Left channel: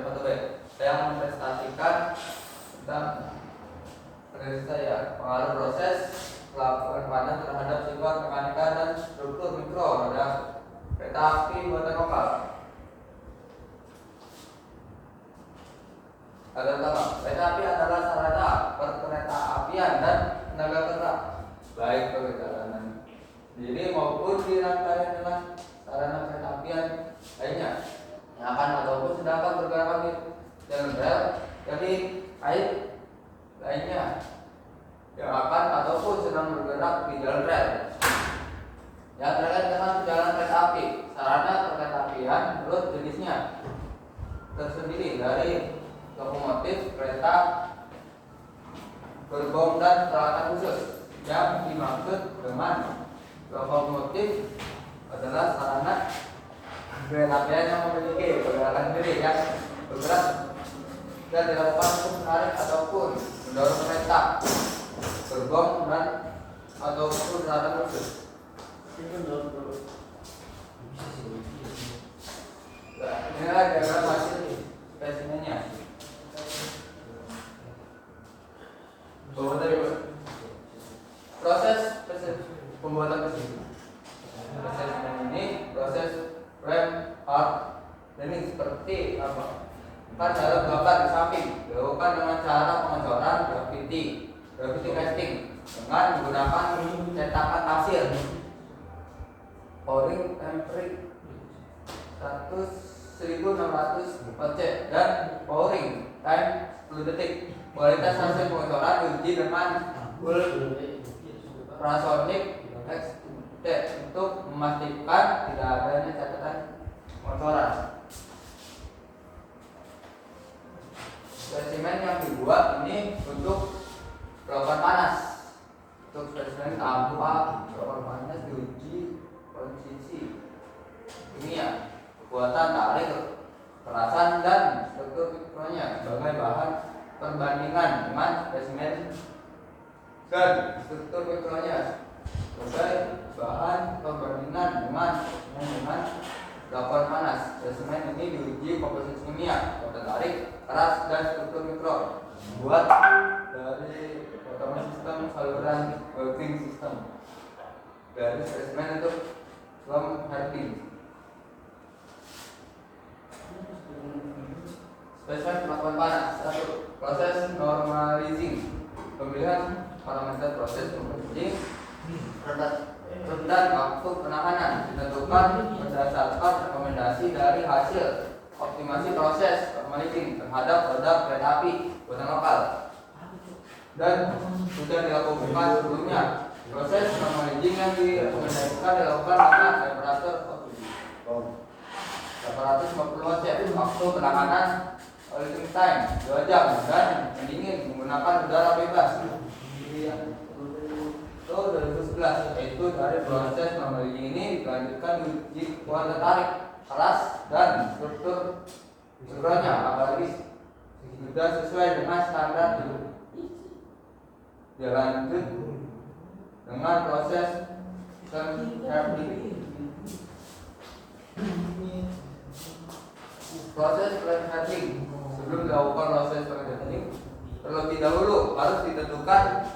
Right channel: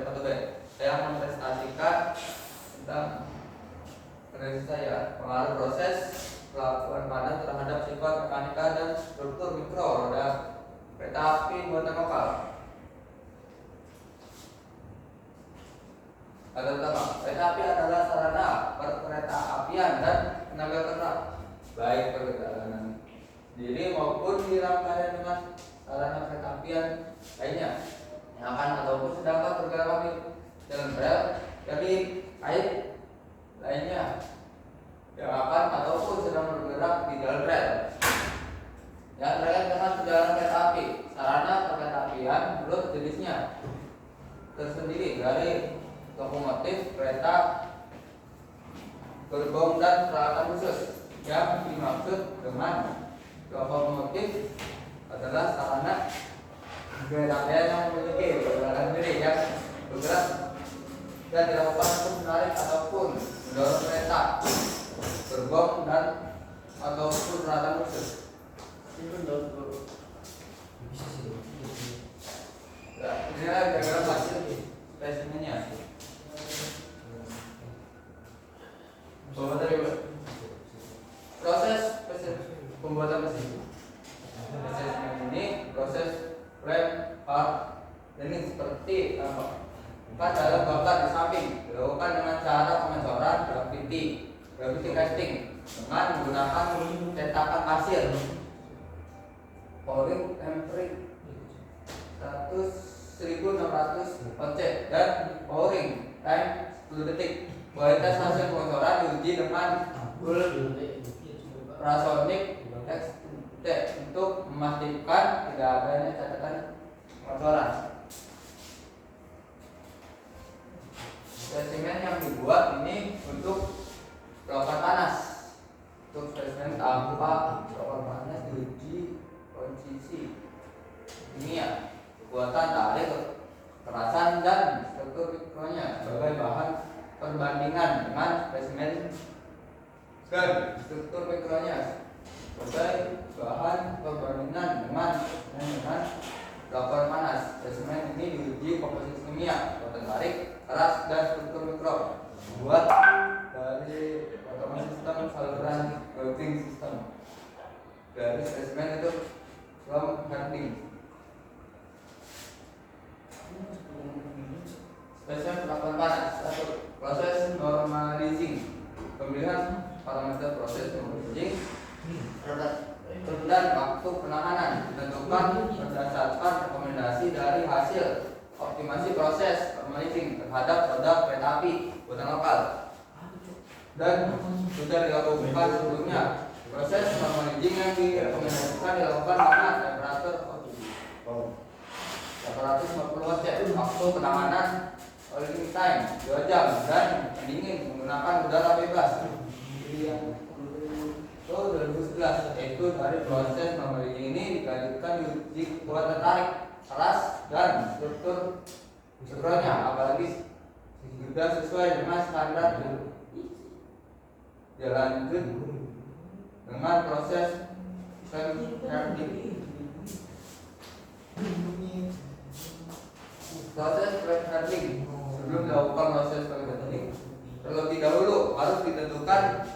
1B. Saya mempresentasikan tentang penelitian saya pengaruh proses pelabuhan panas terhadap sifat mekanika dan struktur mikro pada kereta api buatan lokal. Ada pertama, kereta api adalah sarana perkereta apian dan tenaga kerja, baik perjalanan diri maupun di rangkaian dengan sarana kereta apian lainnya yang akan ataupun sedang bergerak di jalan rel dari air lainnya yang akan ataupun sedang bergerak di jalan rel yang terkait dengan perjalanan kereta api. Sarana kereta apian menurut jenisnya tersendiri dari lokomotif, kereta, gerbong dan peralatan khusus. Yang dimaksud dengan lokomotif adalah sarana kereta apian yang memiliki pergerakan diri yang bergerak dan dilakukan untuk menarik ataupun mendorong kereta, gerbong dan ataupun peralatan khusus. Inilah diagram hasil spesimennya. Proses pembuatan mesin. Proses ini proses rem hard ini seperti apa? Cara bakar di samping dilakukan dengan cara pengecoran gravity casting dengan menggunakan cetakan pasir. Pouring temperature 1600 OC dan pouring time 10 detik. Kualitas hasil pengecoran diuji dengan ultrasonic untuk memastikan tidak adanya catatan pengecoran. Spesimen yang dibuat ini untuk pelabuhan panas. Untuk spesimen tanpa pelabuhan panas diuji kondisi kimia, kekuatan tarik, kekerasan dan struktur mikronya sebagai bahan perbandingan dengan spesimen dan struktur mikronya sebagai bahan perbandingan dengan pelabuhan panas. Spesimen ini diuji komposisi kimia, kekuatan tarik, keras dan struktur mikro buat dari otomatis sistem saluran working system dari spesimen itu Slam Harding. Spesimen pelabuhan panas. 1. Proses normalizing. Pemilihan parameter proses normalizing dan waktu penanganan ditentukan berdasarkan rekomendasi dari hasil optimasi proses normalizing terhadap produk kereta api buatan lokal dan sudah dilakukan sebelumnya. Proses normalizing yang direkomendasikan dilakukan pada temperatur 850 watt, waktu penanganan boiling time 2 jam dan pendingin menggunakan udara bebas. 2011 yaitu dari proses normalizing ini dilanjutkan diuji kekuatan tarik, keras dan struktur mikronya, apalagi sudah sesuai dengan standar. Dilanjut dengan proses Harding. Proses Harding. Sebelum dilakukan proses Harding, terlebih dahulu harus ditentukan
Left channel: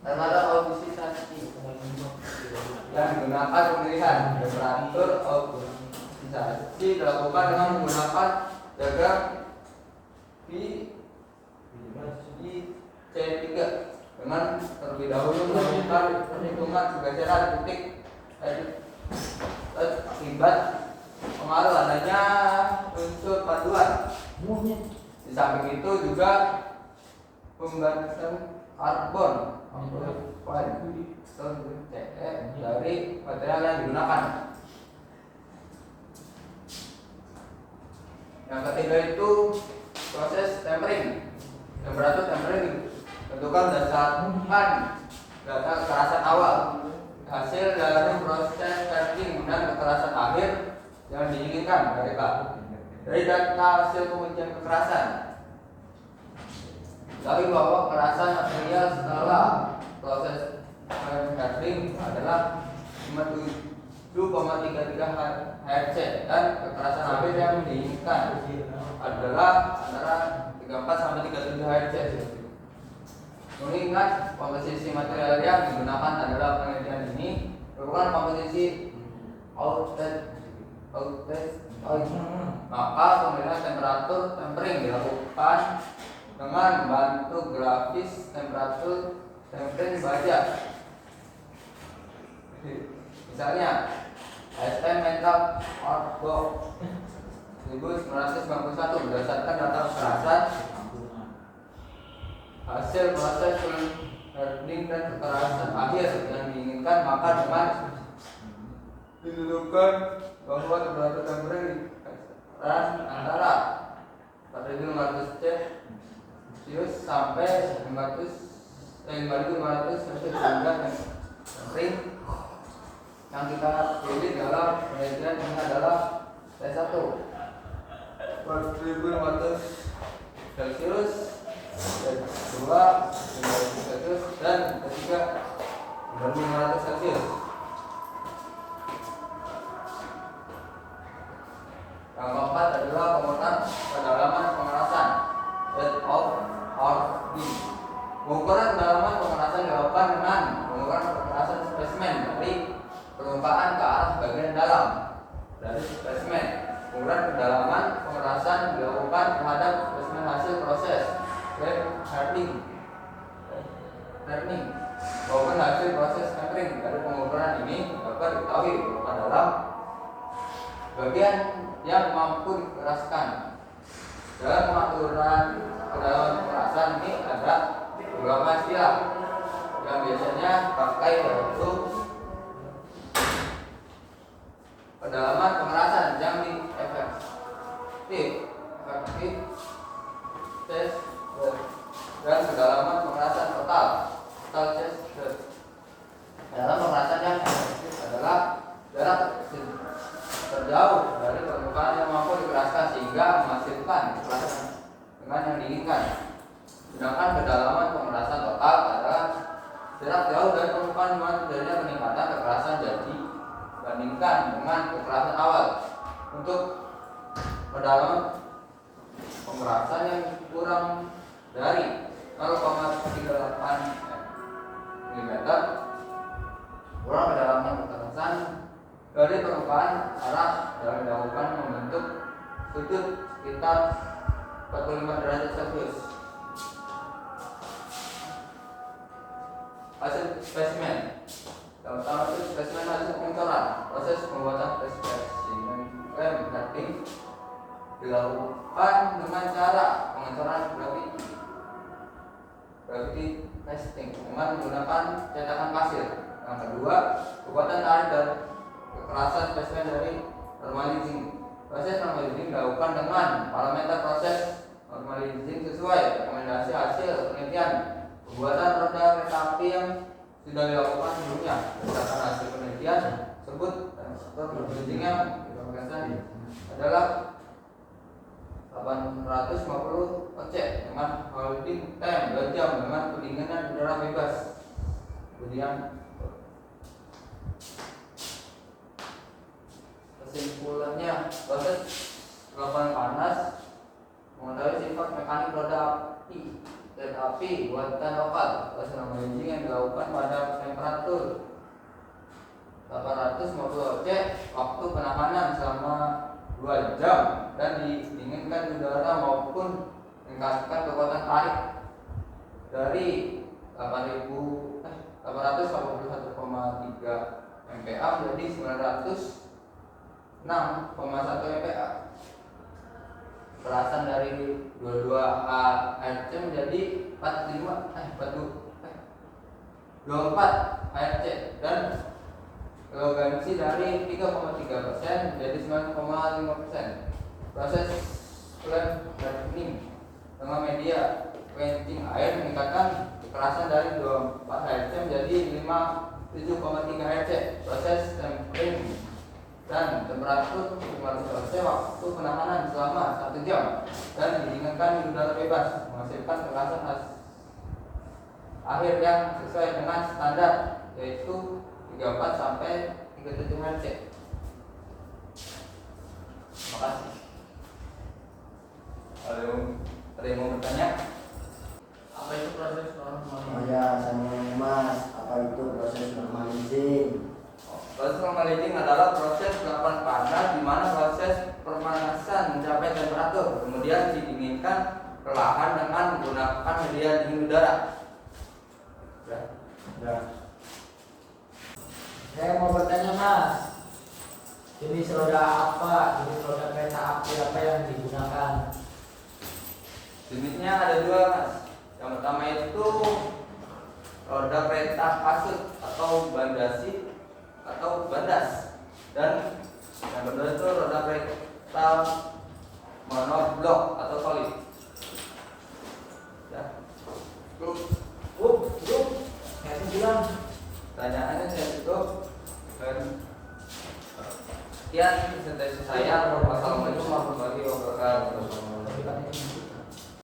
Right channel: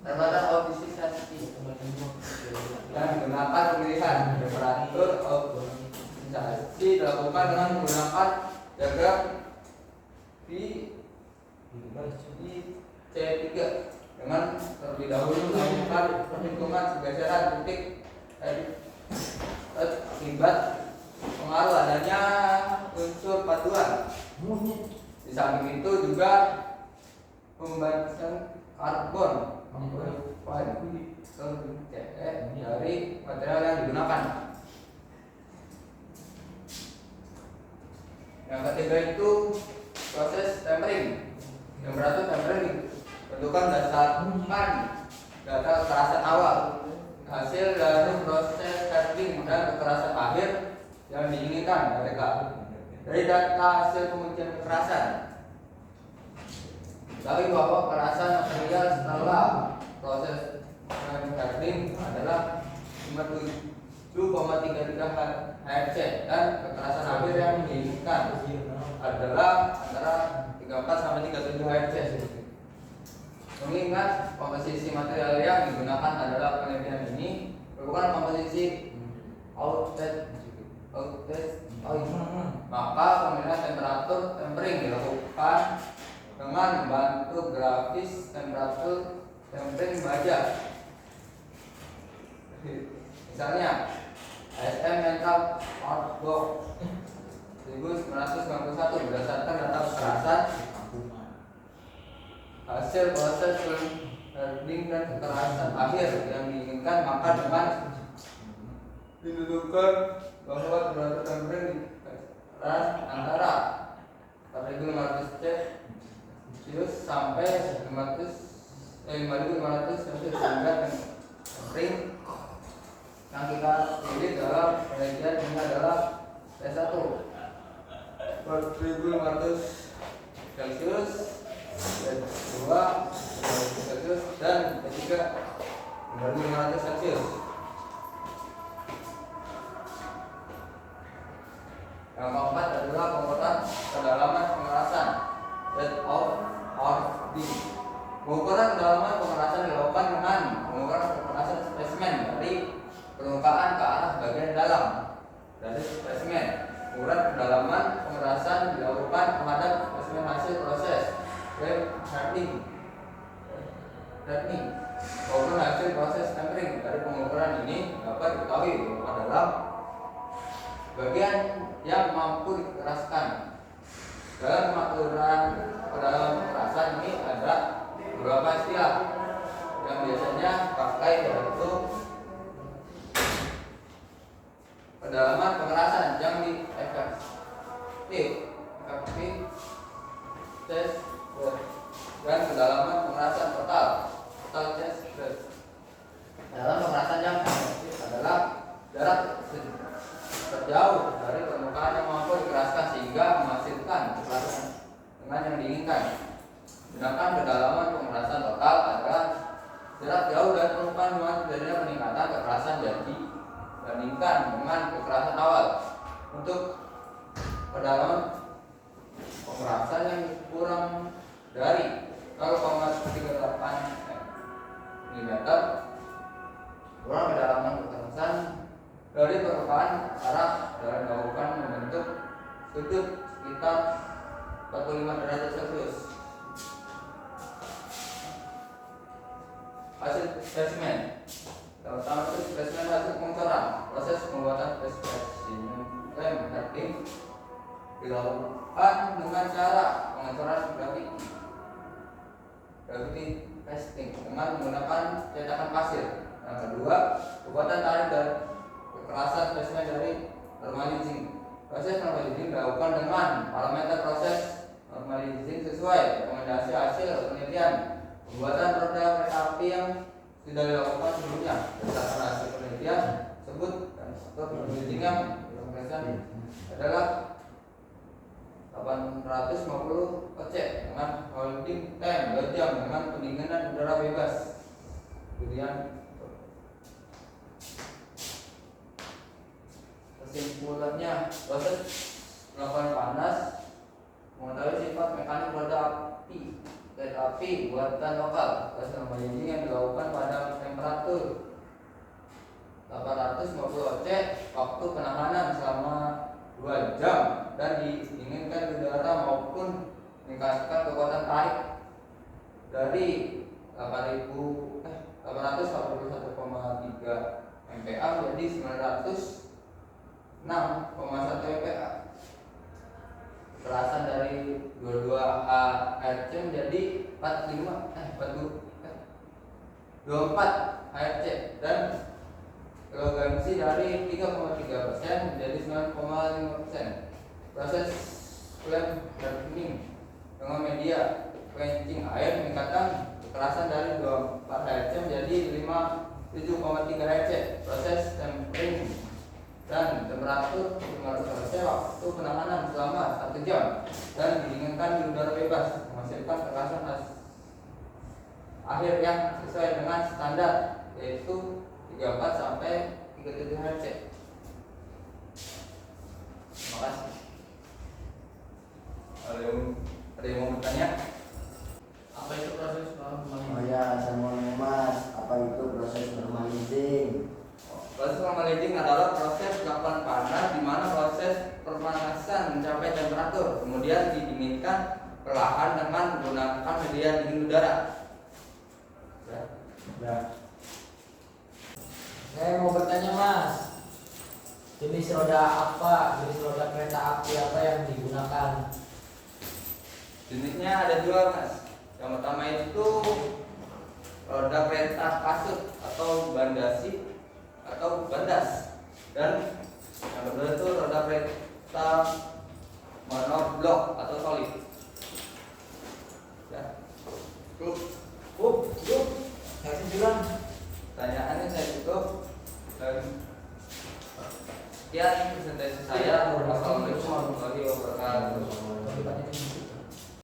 parameter optimasi yang digunakan pemilihan temperatur optimasi dilakukan dengan menggunakan diagram C3 dengan terlebih dahulu melakukan perhitungan pergeseran titik akibat pengaruh adanya unsur panduan. Di samping itu juga pembahasan karbon dari material yang digunakan. Yang ketiga itu proses tempering. Temperatur tempering tentukan berdasarkan data kekerasan awal, hasil dari proses Harding dan kekerasan akhir yang diinginkan dari data hasil pengujian kekerasan. Tapi bahwa kekerasan material setelah proses Harding adalah 57 Hz dan kekerasan akhir yang diinginkan adalah antara 34 sampai 37 Hz. Mengingat komposisi material yang digunakan adalah penelitian ini merupakan komposisi outlet oil, maka pemilihan temperatur tempering dilakukan dengan membantu grafis temperatur tempering baja. Misalnya SM Metal Art Box 1991 berdasarkan data kekerasan hasil proses learning dan kekerasan akhir yang diinginkan, maka dengan didudukan bahwa temperatur tempering antara 4500 Celsius sampai 5500 Celsius, sehingga tempering yang kita pilih dalam penelitian ini adalah T1 4500 Celsius, T2 5500 Celsius, dan ketiga 5500 Celsius. Yang keempat adalah pengukuran kedalaman pengerasan, depth of hardening. Pengukuran kedalaman pengerasan dilakukan dengan pengukuran kekerasan spesimen dari permukaan ke arah bagian dalam dari spesimen. Pengukuran kedalaman pengerasan dilakukan terhadap spesimen hasil proses hardening maupun hasil proses tempering. Dari pengukuran ini dapat diketahui bahwa dalam bagian yang mampu dikeraskan. Dalam pengaturan kedalaman pengerasan ini ada beberapa istilah yang biasanya pakai, yaitu kedalaman pengerasan yang efektif test dan kedalaman pengerasan total test. Dalam pengerasan yang efektif adalah jarak terjauh dari permukaan yang mampu dikeraskan sehingga menghasilkan kekerasan dengan yang diinginkan. Sedangkan kedalaman pengerasan total adalah jarak jauh dari permukaan dengan terjadinya peningkatan kekerasan jadi dibandingkan dengan kekerasan awal. Untuk kedalaman pengerasan yang kurang dari 0,38 mm, kurang kedalaman kekerasan dari permukaan arah dalam dilakukan membentuk sudut sekitar 45 derajat Celcius. Hasil spesimen yang pertama itu spesimen hasil pengecoran. Proses pembuatan spesimen hardening dilakukan dengan cara pengecoran gravity testing dengan menggunakan cetakan pasir. Yang kedua, pembuatan tarik dan kekerasan spesimen dari normalizing. Proses normalizing dilakukan dengan parameter proses normalizing sesuai rekomendasi hasil penelitian pembuatan roda kereta api yang sudah dilakukan sebelumnya. Berdasarkan hasil penelitian tersebut dan struktur normalizing yang dilakukan adalah 850 OC dengan holding time 2 jam dengan pendinginan udara bebas. Kemudian kesimpulannya, proses lapangan panas mengetahui sifat mekanik roda api kereta api buatan lokal. Proses normalizing yang dilakukan pada temperatur 850 OC, waktu penahanan selama 2 jam dan didinginkan udara maupun meningkatkan kekuatan tarik dari 881,3 MPa menjadi 906,1 MPa. Kekerasan dari 22 Hz menjadi 24 Hz dan elogansi dari 3,3% menjadi 9,5%. Proses flame hardening dengan media quenching air meningkatkan kekerasan dari 24 Hz menjadi 7,3 Hz. Proses tempering dan temperatur 500 C, waktu penahanan selama 1 jam dan didinginkan di udara bebas menghasilkan kekerasan akhir yang sesuai dengan standar, yaitu 34 sampai 37 Hz. Proses melting adalah proses kapan panas di mana proses pemanasan mencapai temperatur, kemudian didinginkan perlahan dengan menggunakan media dingin udara. Ya. Saya mau bertanya Mas, jenis roda kereta api apa yang digunakan? Jenisnya ada dua Mas. Yang pertama itu roda kereta kasut atau bandasi atau bandas, dan yang kedua itu roda kereta monoblok atau solid. Ya. Saya itu bilang. Pertanyaannya saya cukup. Sekian presentasisi saya. Wassalamualaikum warahmatullahi wabarakatuh.